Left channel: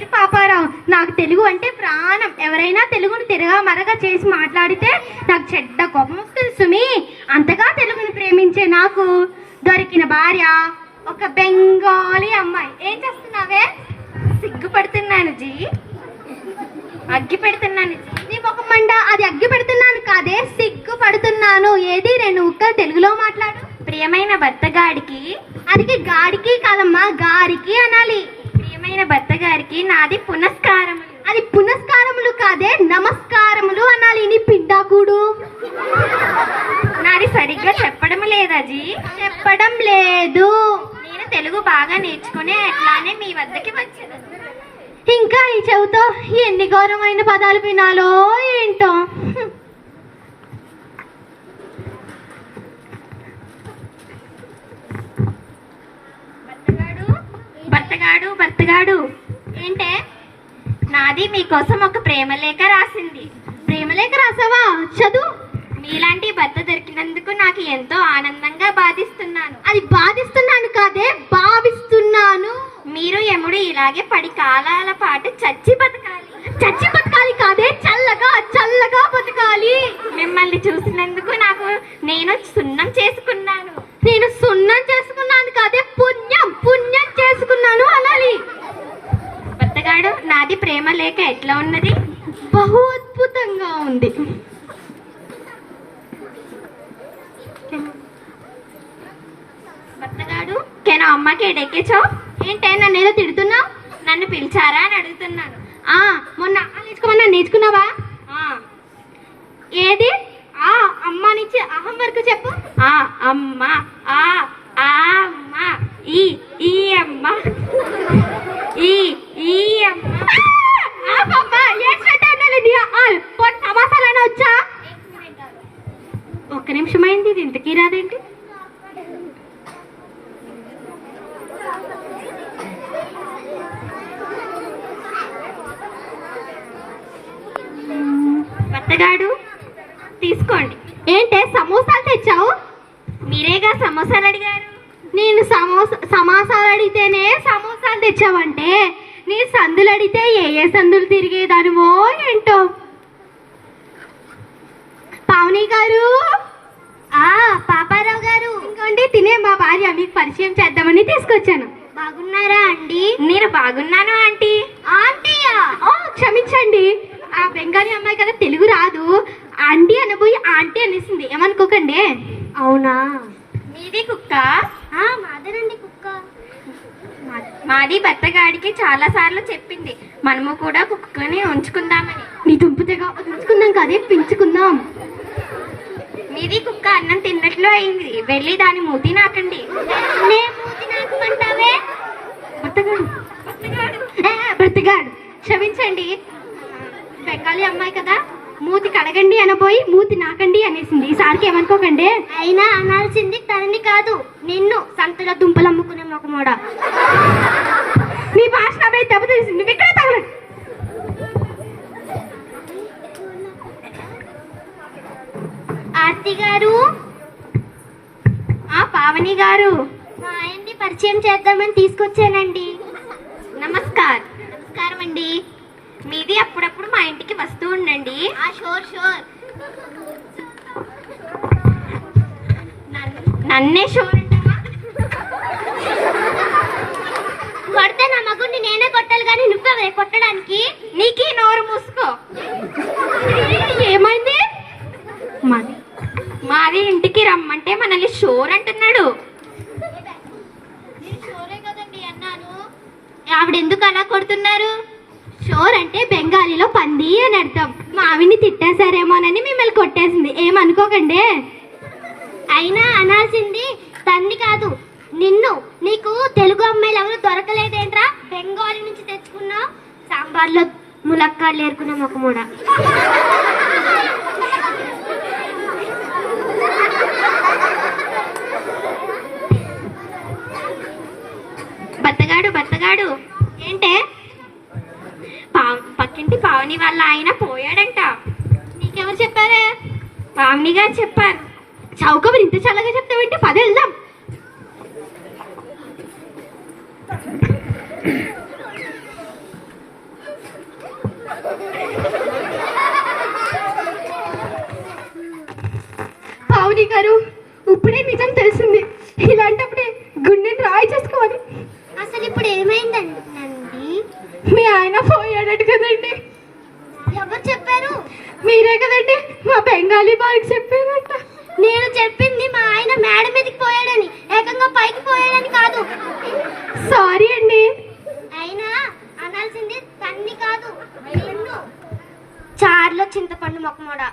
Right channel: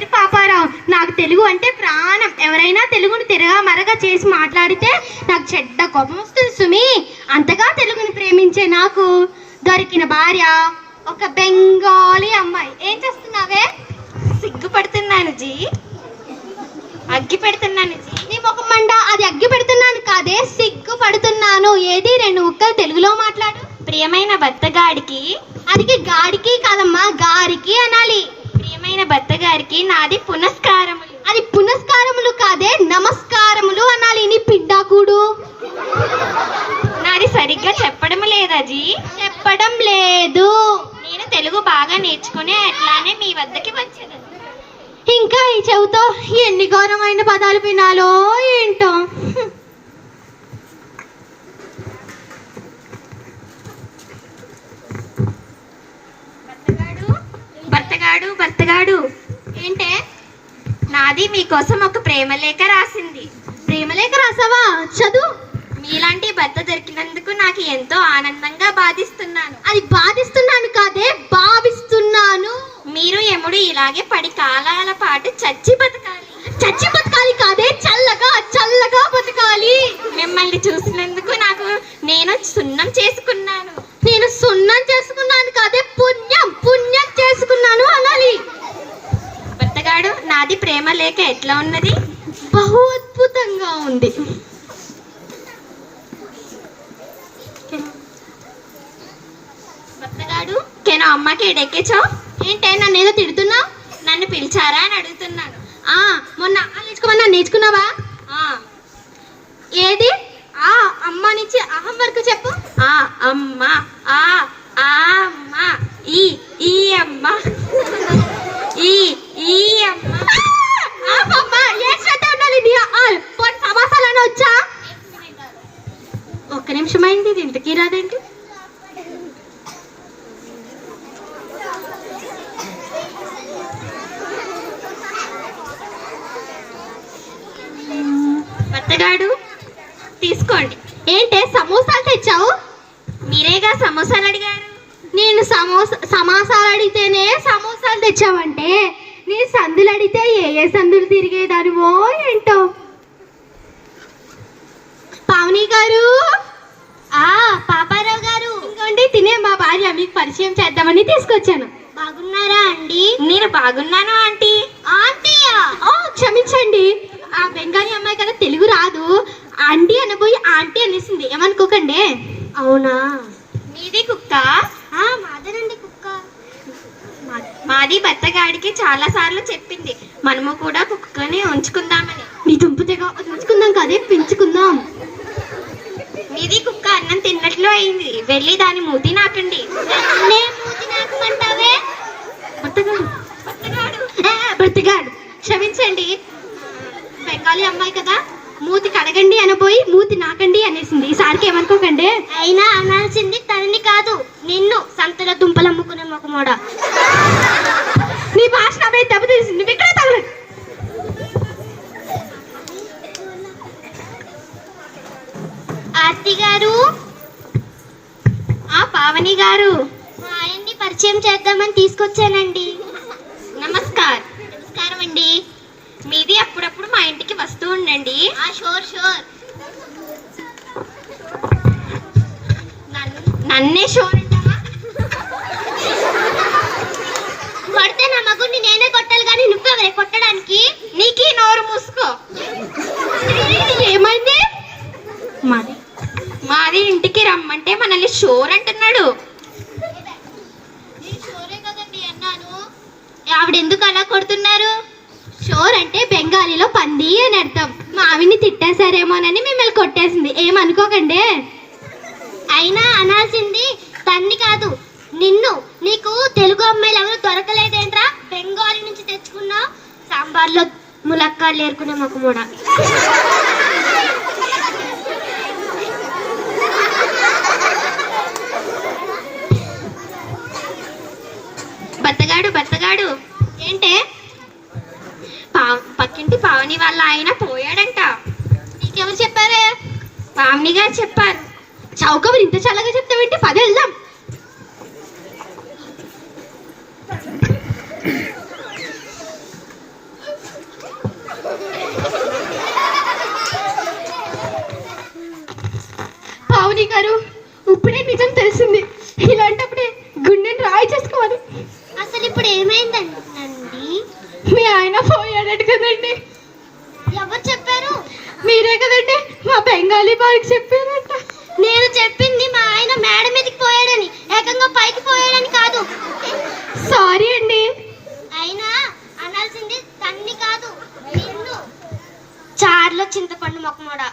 లేదు పాపారావు, నాకు తెలుగు అంటే ప్రాణం. ఎవరైనా తెలుగుని తిరగా మరగా చేసి మాట్లాడితే నాకు చెడ్డ కోపం వస్తుంది సుమి. అంతగా తెలుగుని ప్రేమించే నాకు దొరికిన భార్య ఒక బెంగాలీ అమ్మాయి. ఏం చేస్తున్నావే? సిగ్గుపడుతున్నాను జీ, అగ్గి పెడుతున్నాను జీ. నీ ముఖం మండ. అది అగ్గి పెడుతున్నాను కాదే, సిగ్గు పడుతున్నాను. ఏది 2 ముక్కలు తెలుగులో మాట్లాడు. ప్రియమైన భర్తగాడికి, అది గాడికి కాదమ్మా, గారికి అనాలి. ప్రియమైన భర్తగారికి నాది పునస్కారములు. అది పునస్కారములు కాదే, నమస్కారములు అనాలి. నీ పిండాకుడు. నాది సరిగ్గా చెప్పడం లేదా జీ? చెప్పడం లేదు. నేను తెలుగు బాగా నేర్చుకునే అట్లానే మీ వద్దకి వచ్చేది. ఇంకా ఈ చెవుతో ఎన్ని ఘోరమైన పదాలు వినాలో ఏంటో. భర్తగాడు ఏంటే? నాది మీకోసం ఒక ప్రేమలేఖ రాసింది. ప్రేమలేఖ రాసావా? చదువు. మీలాంటి భర్త దొరికినందుకు నాకు ఎంతో ఆనందంగా బాధిస్తున్నాను. అది బాధిస్తున్నాను కాదే, భావిస్తున్నాను. మీరు ఎముడు ఇలాగే 10 కాలాల పాటు చచ్చి బతకాలి. చచ్చి బతకాలి కాదే, చల్లగా చల్లగా బతకాలి. మిమ్మల్ని చూసినందుకు నేను సున్నం చేసుకున్నాను. నేను సున్నం చేసుకున్నాను కాదే, పుణ్యం పుణ్యం చేసుకున్నాను అనాలి. భర్తగాడు, నాది ప్రేమ లేఖ ఎట్లా ఉన్నది? బహు అద్భుతంగా ఉంది. భర్తగాడు, కెన అమ్మకి ఎడెక్కించావు ఏంటే? నన్ను ఏదో తిడుతున్నా? నన్ను పిలిచారా అని అడుగుతున్నాను. మొన్న నేర్చుకోమన్నా, నేర్చుకున్నావా? ఏది? అమ్మ నుంచి అహం వరకు చెప్పు. అమ్మ, ఆ అమ్మ, ఈ అమ్మ, ఈ అమ్మ. సమాసాలైనా వచ్చా? ఒక్క నిమిషం అయింది, ఇది ఇంతకీ రాదేంటి? భర్తగాడు, తీసుకోండి. ఏంటే సమోసాలు తెచ్చావు? మీరేగా సమోసాలు అడిగారు. నేను సమాసాలు అడిగితేనే సమోసాలు తెచ్చావంటే, నీ సందులు అడిగితే ఏ సందులు తిరిగేదానివో ఏంటో. పావని గారు. పాపారావు గారు. ఇంకోండి, తినే మా భార్య, మీకు పరిచయం చేద్దామని తీసుకొచ్చాను. బాగున్నారా అండి? నేను బాగున్నాను ఆంటీ. ఆంటీయా? క్షమించండి, ఆ బెంగాలీ అమ్మాయి కదా, తెలుగు రాదు. ఆంటీ అనబోయి ఆంటీ అనేసింది, ఏమనుకోకండి. అవునా? మీది కుక్క? మాదేనండి కుక్క. మాది భర్తగాడికి చాలా సార్లు చెప్పింది, మనము కూడా కుక్కని ఉంచుకుందామని. నీ దుంపుతేగా ఉంచుకుందాం కదే, పెంచుకుందాం. మీది కుక్క అన్నం తిన్నట్లు అయింది, వెళ్ళి దాని మూతి నాకండి. మూతి నాకమంటావే? బ్రతగాడు, క్షమించండి, బెంగాలీ అమ్మాయి కదా, మూతి కడగండి అనబోయి మూతి నాకండి అనేసింది. ఈసారికి ఏమనుకోకండి. అయినా అనాల్సింది తనని కాదు, నిన్ను. సంతల దుంపలు అమ్ముకునే మొక్కమోడ. నీ భాష అబ్బాయి దెబ్బ తెలిసింది, నువ్వు ఇక్కడే తగలదు. ఆర్తి గారు. పావని గారు. ఆయన్ని పరిచయం చేద్దామని తీసుకొచ్చానండి. నమస్కారం అండి. మీది అప్పుడప్పుడు మా ఇంటికి వస్తూ ఉండండి. షోర్. నన్నే షోర్ అంటావా? కొడితే నా మగుడిని నేనే కొట్టాలి కానీ నువ్వెవరే కొట్టడానికి? నీకీ నోరు మూసుకో. ఏమైంది? మాది ఇంటికి రమ్మంటే మనల్ని షోర్ అంటున్నాడు. షోరే కదండి అన్నాను. ఆవిడెందుకు అలా కొడుతున్నారు? షోర్ అంటే బెంగాలీలో పంది అని అర్థం. మా ఆవిడ్ని తిట్టేశారేమోనని మిమ్మల్ని కొట్టేసింది, ఏమనుకోకండి. అయినా అనాల్సింది తన్ని కాదు, నిన్ను. నీకు తెలుగు అమ్మాయిలు ఎవరు దొరకలేదేంట్రా? బెంగాలీ నుంచి తెచ్చుకున్నావు. సాంబార్లో ములక్కాడలు ఏరుకునే మొక్కమూడ. భర్తగాడు ఏంటే? పక్కింటి పావని వాళ్ళ ఆయన పోయాడంట. నీకెవరు చెప్పారే? పావని గారు చెప్పారు. చౌకబరి ఇంత చల్లగా చెప్తావేంటి? పద వెళ్దాం. సారీ. అసలు ఇప్పుడు ఏమైందండి? మీ ఆయన పోయాడట కదండి. ఎవరు చెప్పారు? మీరే కదండి మా బెంగాలీ బారికి చెప్పారట. నేను చెప్పింది మా ఆయన మేడ మీదకి పోయాడని, ఏకంగా పైకి పోయాడని కాదు. సారీ అండి. అయినా అనాల్సింది తన్ని కాదు, నిన్ను. చారులో చింతపండు మొక్కమోడా.